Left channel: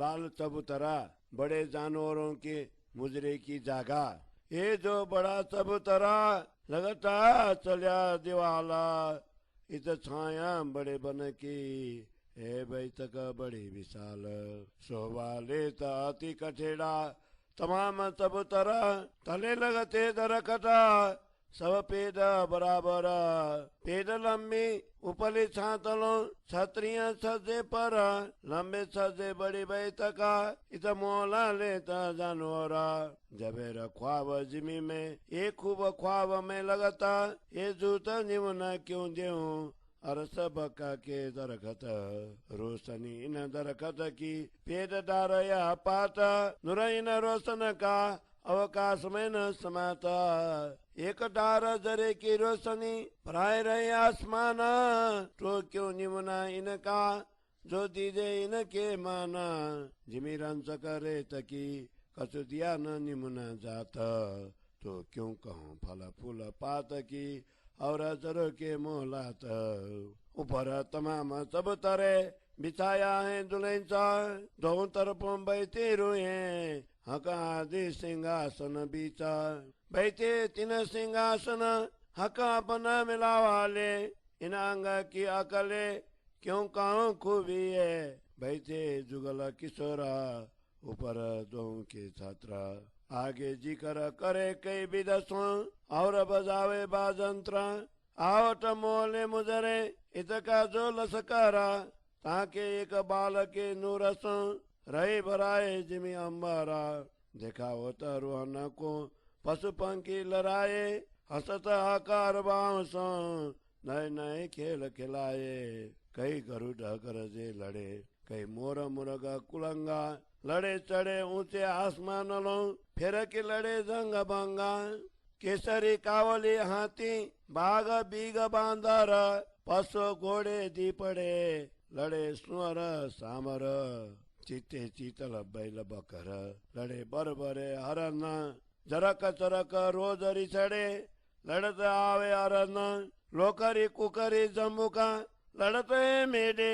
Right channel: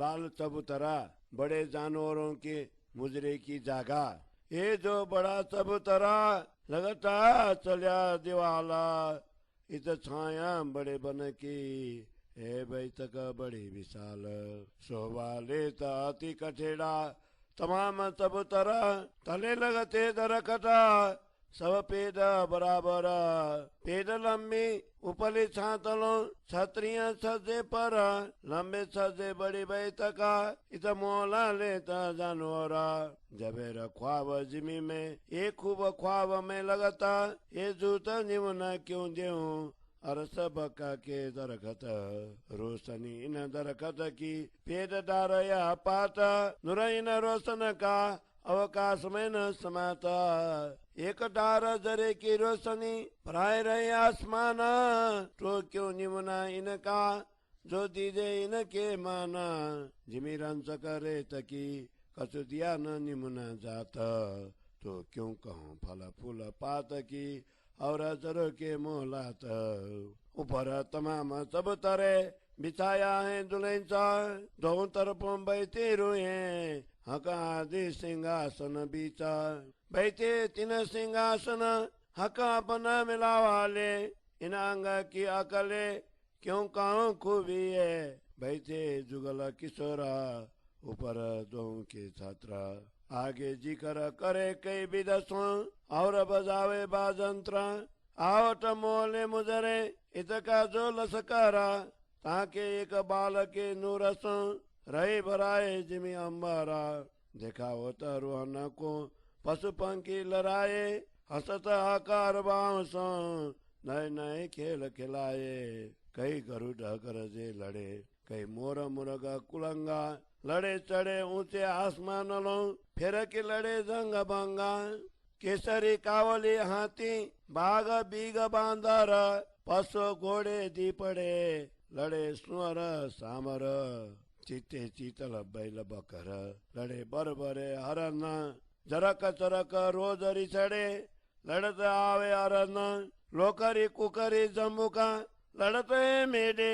लाल चबूतरा बड़े जानवरों के मुजरे की जगह। ये जो बड़ा चबूतरा लगता चलिया दिवाला, इत छाया बड़े बन की हे बैठक बड़ी विशाल। शोभा लेता अति कठेड़ा तमाम चबूतरा, तले लगते दरकता सब पेड़ बराबर। पेड़ लंबी उपली छातलों छतरियां छजे पर, लंबे छजे बड़ी बैठका इत मोला लेता जानवरा। जबेर ख्वाब जिमी में ये खूब ख्वाब में लगता, ये जूता निमना क्यों देऊं और सबका के दरखत। रोशनी इन दरखत की पेड़ डार या पात, नुर इन रोशन का अवकाश में न समाता। एक डार जरे की रोशनी भराए रहे आसमान, तो क्यों निमना इनका जो दीजे इनके माना। जिमी रंस करे तकी कछु दिया न निमना जाता, तो क्यों कहूँ फल फूल पात की और जरो के मोहलात। ऊपर तमाम सब तरह बिछाया है दुल्हनसा, दोनों तरफों बैठे रुए हका आदि सिंहासन बीचा। बैठे तीन सिंहासन हका अपना मिलावा ले, इन अंग की अकले क्यों कहूँ खूबी है। बैठे जुगल किशोरा ऊपर दो के छात्रा, आगे जिक्र करे कई विदसों और बजावे बाजंत्र। आवट मोले मुजरे इतका जो लसकारा, ताके एक बाल के नूरसों रही भराए जिमी अम्बारा। देखा होता रोहन को पशु पंखी लड़ाए, हसत आकार बांसों नए नए खेल खिलाए। कई गरुड़ गरजे लड़े, कई मोर मुर्गा कुलंगा, लड़े चढ़े ऊंचे आसमान लो फिर के लड़े जंग भंगा। केसरी कावली हाथी बाघ बीग बांदर, पशु घोड़े दीपड़े लड़े सुअर सामर। चीते चीतल बैल बकर लड़े बरबरे हरन, जरक चरक रोज रिछड़े लड़त आवे अरन। लोकरी कुकरी जम्बुका लड़ते मेढे,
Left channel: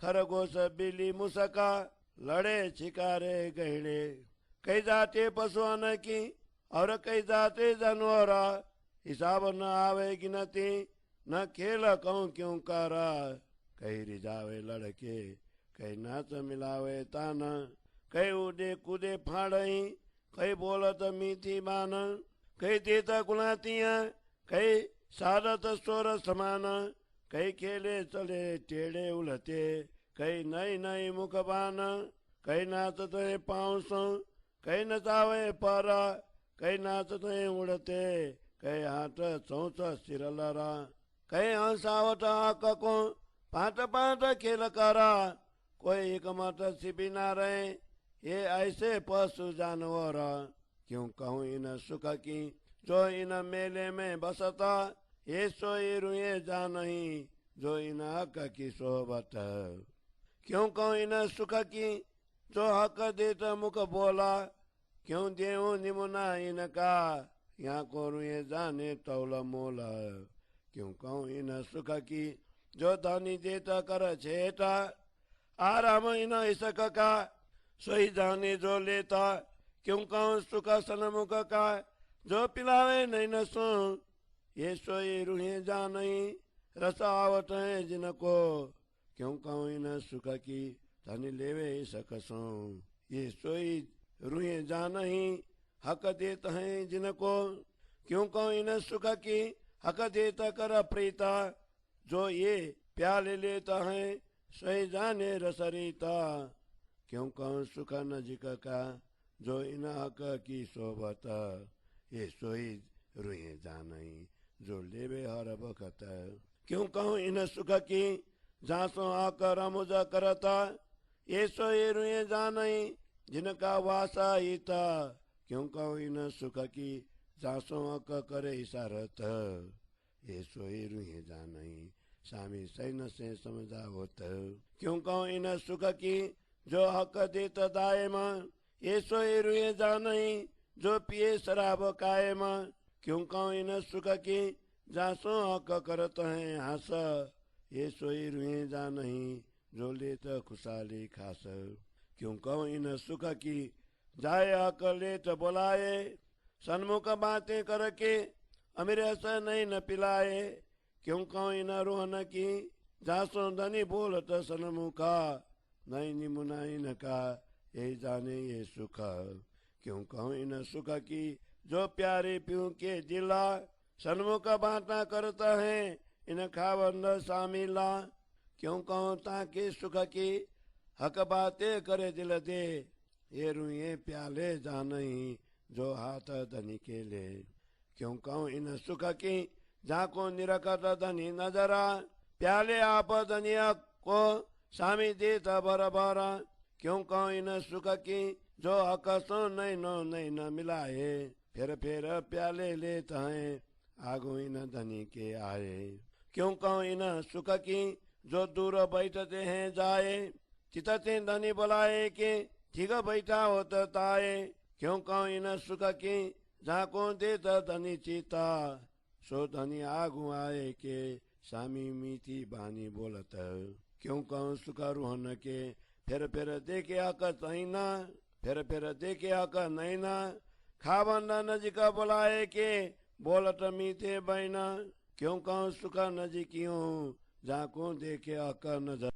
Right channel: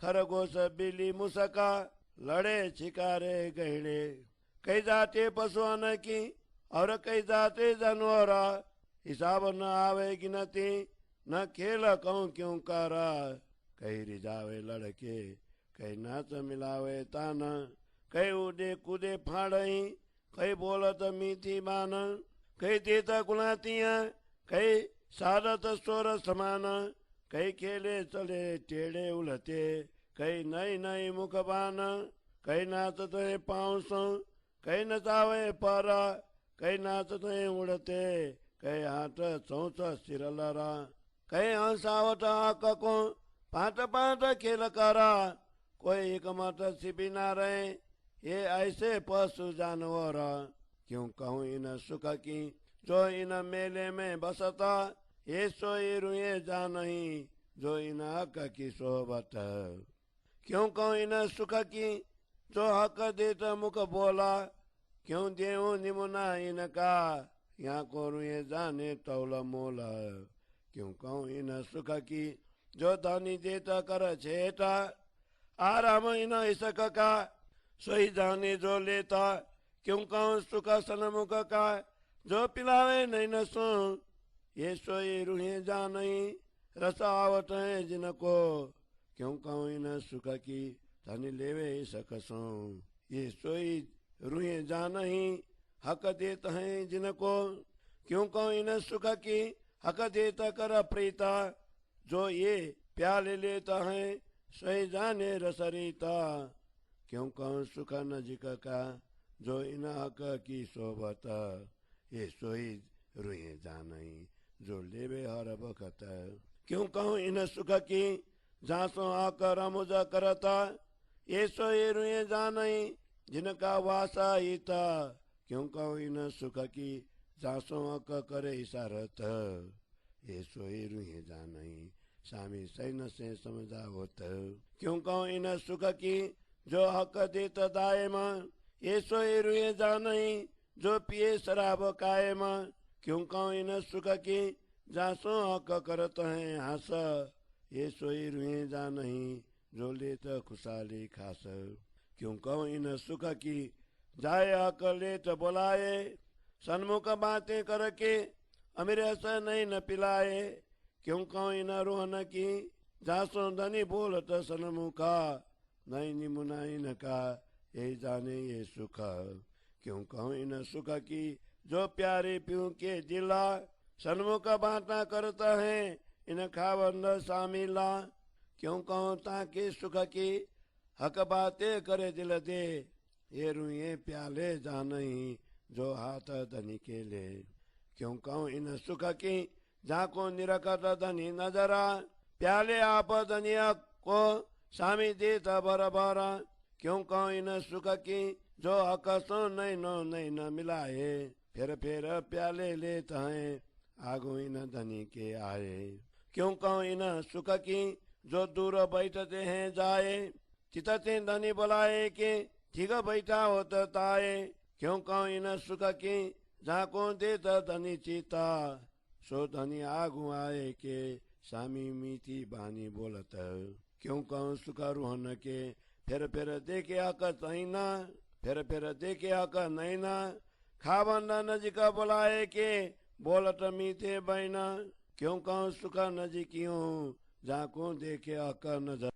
खरगोश बिल्ली मुसका लड़े शिकारे गहड़े। कई जाते पशुअन की और कई जाते जानवरा, हिसाब न आवे गिनती न खेल कहूँ क्यों करा। कई रिझावे लड़के कई नाच मिलावे तान, कई उड़े कूदे फाड़ई कई बोलत मीठी बान। कई देत गुलातियाँ कई सारत स्वर समान, कई खेले चले टेढ़े उलटे कई नई नई मुखबान। कई नाचते पाँव कई नचावे पर, कई नाचते उड़ते कई हाथ चौच सिरलरा। कई हंसावट को पाट पाट खेल करा, कोई एक मत सिपी ना रहे ये ऐसे पशु जानवर। क्यों कहूँ इन सुख की जो इन मेले में बसता, ये सोई रुए जा नहीं जो इन हक की सोहबत। क्यों कहूँ इन सुख की जो हक देता मुख बोला, क्यों देऊ निमुना इनका यहाँ को रुए जाने तौल मोला। क्यों कहूँ इन सुख की जो धनी देता कर छेटा, आराम इन इसक का सोई जाने जो लेता। क्यों कहूँ सुख सनमुख का जो पिलावे नहीं नसो, ये सोई रूहे जा नहीं रस आवत है जिनको। क्यों कहूँ इन सुख की धनी लेवे सकसो, ये सोई रूहे जा नहीं हक देता है जिनको। क्यों कहूँ इन सुख की हक देता कर प्रीता, जो ये प्याले लेता है सोई जाने रसरीता। क्यों कहूँ सुख नजिक का जो इन हक की सोबत, ये सोई रुए जानी जो लेवे हर बखत। क्यों कहूँ इन सुख की जासो आकर मुझ करता, ये सोई रुए जानी जिनका वासा हिता। क्यों कहूँ इन सुख की जासो आक करे इशारत, ये सोई रुए जानी स्वामी सैन से समझावत। क्यों कहूँ इन सुख की जो हक देत दायम, ये सोई रुए जानी जो पिए शराब कायम। क्यों कहूँ इन सुख की जासो हक करत है हास, ये सोई रुए जानी जो लेत खुशाली खास। क्यों कहूँ इन सुख की जाए अकले तो बुलाए, सन्मुख बातें करके अमीर ऐसा नहीं न पिलाए। क्यों कहूँ इन रोहन की जासो धनी बोलत सन्मुखा, नहीं निमुना इनका यही जाने ये सुख। क्यों कहूँ इन सुख की जो प्यारे प्यू के दिला, सन्मुख बाता करता है इन खावंद शामिला। क्यों कहूँ ताकि सुख की हक बातें करे दिल दे, ये रुए प्याले जानही जो हाथ धनी के ले। क्यों कहूँ इन सुख की जाको निरखत धनी नजरा, प्याले आप धनिया को सामी देता बराबर। क्यों कहूँ इन सुख की जो हक सो नहीं न मिलाए, फिर प्याले लेता है आगो इन धनी के आए। क्यों कहूँ इन सुख की जो दूर बैठते हैं जाए, चितते धनी बुलाए के ठीक बैठा होता ताए। क्यों कहूँ इन सुख की जाको देता धनी चीता, सो धनी आगू आए के सामी मीठी बानी बोलत। क्यों कहूँ सुख रोहन के फिर देखे हक तहीना, फिर देखे हक नैना, खावन नजिक बुलाए के बोलत मीठे बहना। क्यों कहूँ सुख नजिकियों जाको देखे हक नजर।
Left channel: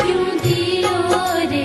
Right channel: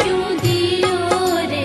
क्यों दियो रे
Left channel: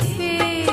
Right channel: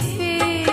पे